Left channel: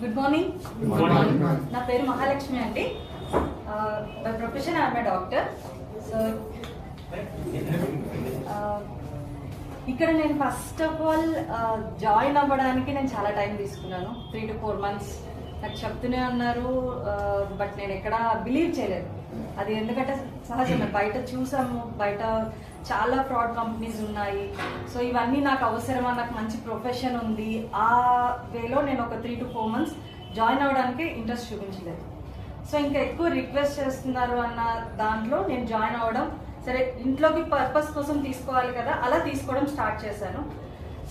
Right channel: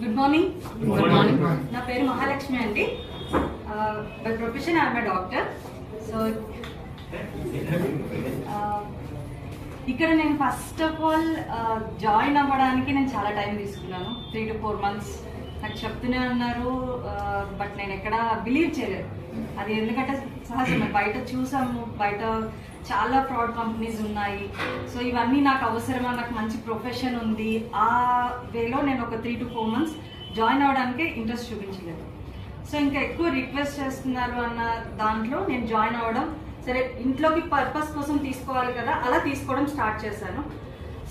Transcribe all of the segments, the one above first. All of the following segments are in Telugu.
Good morning. నా పేరు మహాలక్ష్మి అండి. By profession I'm a doctor. So ఇక్కడ నేను ఫస్ట్ ఆఫ్ ఆల్ జాయిన్ అవ్వడానికి నేను చాలా టైం తీసుకున్నాను. 3 to 4 months నాకు చెప్తూనే అన్నారు. బట్ నేను ఎక్కడ బిలీవ్ చేయలేదు. అది ఎందుకంటే సహజమే, బయట చూసాము, బయట చాలా ఫ్రాడ్ కంపెనీస్ ఉన్నాయి. సో ఇవన్నీ నాకు అవసరమా, నాకు మంచి ప్రొఫెషన్ ఉంది, ఆ వేలో నేను ఒక 3 to 4 months జాయిన్ అవ్వడానికి ఇంట్రెస్ట్ చూపించలేదు. సో ఇంకా ఎక్కువ రిక్వెస్ట్ చేస్తున్నారు అన్న దాంట్లో నేను జాయిన్ అవ్వడం, సరే ఇంట్లోకి పర్పస్ కోసం తీసుకోవాలి కదా, అలా తీసుకోవడం స్టార్ట్ చేశాను.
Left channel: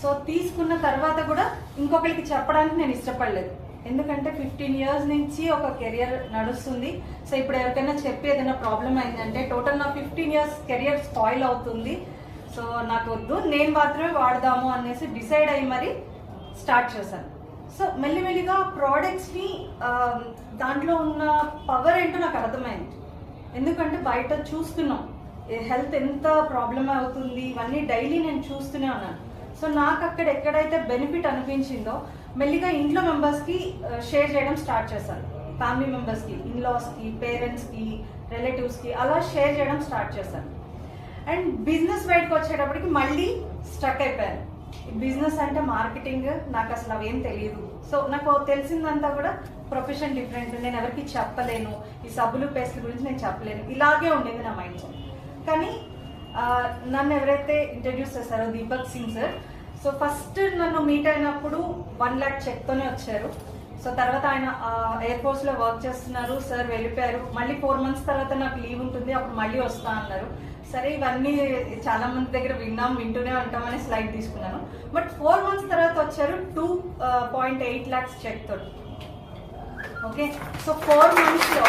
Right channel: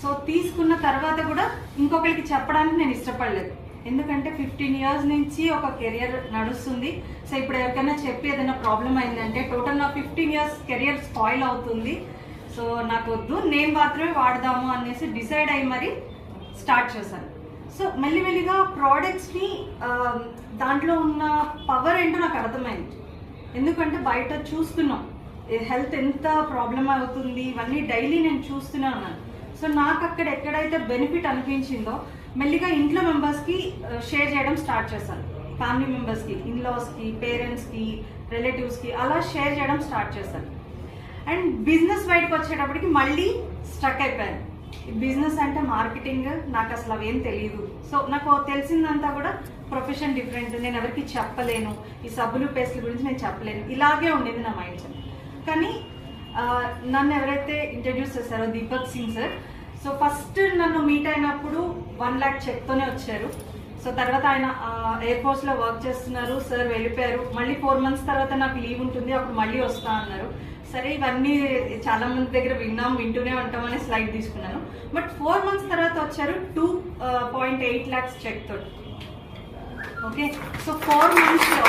సో తీసుకున్న తర్వాత కూడా ఇంకొకరికి చెప్పడానికి నేను ఇష్టపడలేదు. ఎందుకంటే 15 years నుంచి ఒక కెరియర్ నడుస్తుంది. సో ఇప్పుడు ఎవరికైనా చెప్పి ఏదైనా ప్రాబ్లం అయిందంటే టోటల్ నా 15 years కెరియర్ స్పాయిల్ అవుతుంది. సో నాకు వద్దు, నేను మాత్రమే వాడదాము అనేసి డిసైడ్ అయ్యి మరి స్టార్ట్ చేశాను. సో మెల్లిమెల్లిగా ప్రోడక్ట్స్ని దాంట్లో ఉన్న పవర్ ఏంటో నాకు అర్థమైంది. ఎందుకంటే బయట చూస్తున్నాం హెల్త్ ఎంత ప్రాబ్లం అవుతుంది, ఇవన్నీ డైలీ నేను చూస్తూనే ఉన్నాను. సో నాకు అక్కడ ఎక్కడైతే బెనిఫిట్ అనిపించిందో మెల్లిగా ఇంట్లో మెంబర్స్కి షేర్ చేయడం స్టార్ట్ చేశాను. ఫ్యామిలీ మెంబర్స్కి, ఇన్లాస్కి, పేరెంట్స్కి, రిలేటివ్స్కి అలా షేర్ చేయడం స్టార్ట్ చేశాను. అండ్ బిజినెస్ బయటకు వచ్చేటప్పటికి మళ్ళీ స్టక్ అయిపోయాను. బిజినెస్ అంటే మార్కెటింగ్, నాకు అసలు అవేం తెలియదు. సో నాకు తెలిసిందంతా కూడా ప్రొఫెషన్ డిఫరెంట్, నేను ఎవరికి చెప్పలేను, ఈ సబ్బులు పేస్ట్ల గురించి నేను చెప్పలేను, ఇలాగే ఉండేది నా మైండ్ సెట్. కానీ నన్ను ఎవరైతే ఇంట్రడ్యూస్ చేశారో Deepak Singh sir, so first నన్ను మీట్ అయినప్పుడు 1 lakh చెక్తోనే వచ్చారు. సో తర్వాత ఆయన ఎయిర్ ఫోర్స్ లో వర్క్ చేస్తున్నారు. సార్ వెళ్ళిపోయారు. మళ్ళీ 4 months తర్వాత నాకు లీవ్ ఉంటుంది, అప్పుడు మళ్ళీ వస్తా అన్నారు. సరే ఇవన్నీ చాలా మంది దగ్గర వింటూనే ఉంటామని స్లైడ్ తీసుకున్నాను. బట్ 4 months తర్వాత వచ్చారు 2.8 lakhs చెక్ తోటి. ఓకే, సో 4 months లో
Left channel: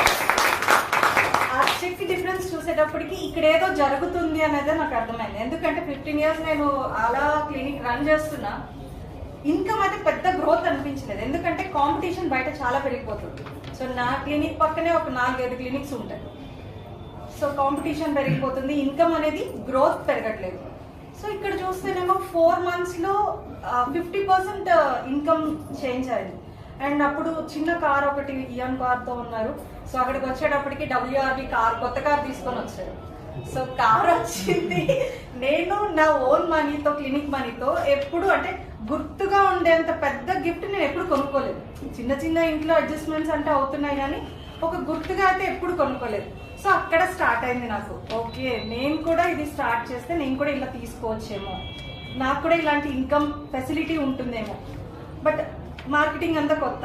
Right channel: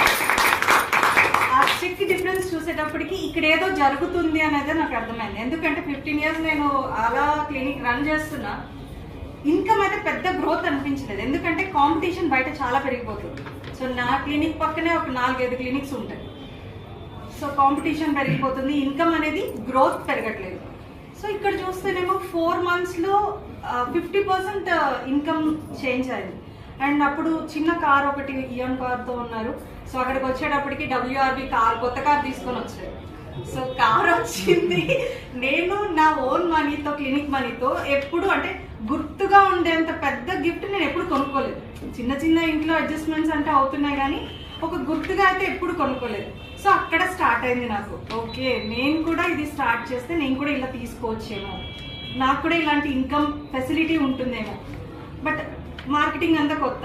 ఆ చెక్ డిఫరెన్స్ చూసేటప్పటికి ఇక్కడ ఏదో జరుగుతుంది అనేది నాకు అర్థమైంది. ఎందుకంటే 15 years నేను అలా క్లినిక్ రన్ చేస్తున్నా, ఇన్కమ్ అయితే పెద్ద గ్రోత్ అనిపించలేదు. ఎందుకంటే కాంపిటీషన్ బయట చాలా పెరిగిపోతుంది. సో నా క్లినిక్ పక్కనే ఒక 4-5 clinics ఉంటాయి. సో కాంపిటీషన్ పెరిగిపోతుంది, ఇన్కమ్ అనేది గ్రోత్ పెరగట్లేదు. సో ఇక్కడ చూస్తేనేమో 4 months లో 50% ఇన్కమ్ చేంజ్ అయింది. అండ్ అప్పుడు చిన్న కార్ ఒకటి ఇయాన్ కార్తో ఉన్నారు. సో అక్కడికి వచ్చేటప్పటికి WRV కార్, కొత్త కార్ తీసుకొని వచ్చారు. సో కార్ వచ్చింది. నేను నా ఓన్ మనీతో, క్లినిక్ మనీతో ఎప్పుడు అంటే గుర్తుగా ఉండేంత పెద్ద గిఫ్ట్ నేను ఎప్పుడు కొనుక్కోలేదు. చిన్న చిన్న ఇంట్లో అడ్జస్ట్మెంట్స్ అంటే అవుతున్నాయి, కానీ ఒక గుర్తుగా అయితే ఎప్పుడు కొనుక్కోలేదు. సో అక్కడ స్టార్ట్ అయింది నాకు, ఓకే నేను కూడా ఇది స్టార్ట్ చేస్తే నేను కూడా ఇలా తీసుకోవచ్చేమో, నాకు కూడా ఇలాంటి ఇన్కమ్ ఫెసిలిటీ ఉంటుందేమో. బట్ మార్కెటింగ్ అంతా కొత్త.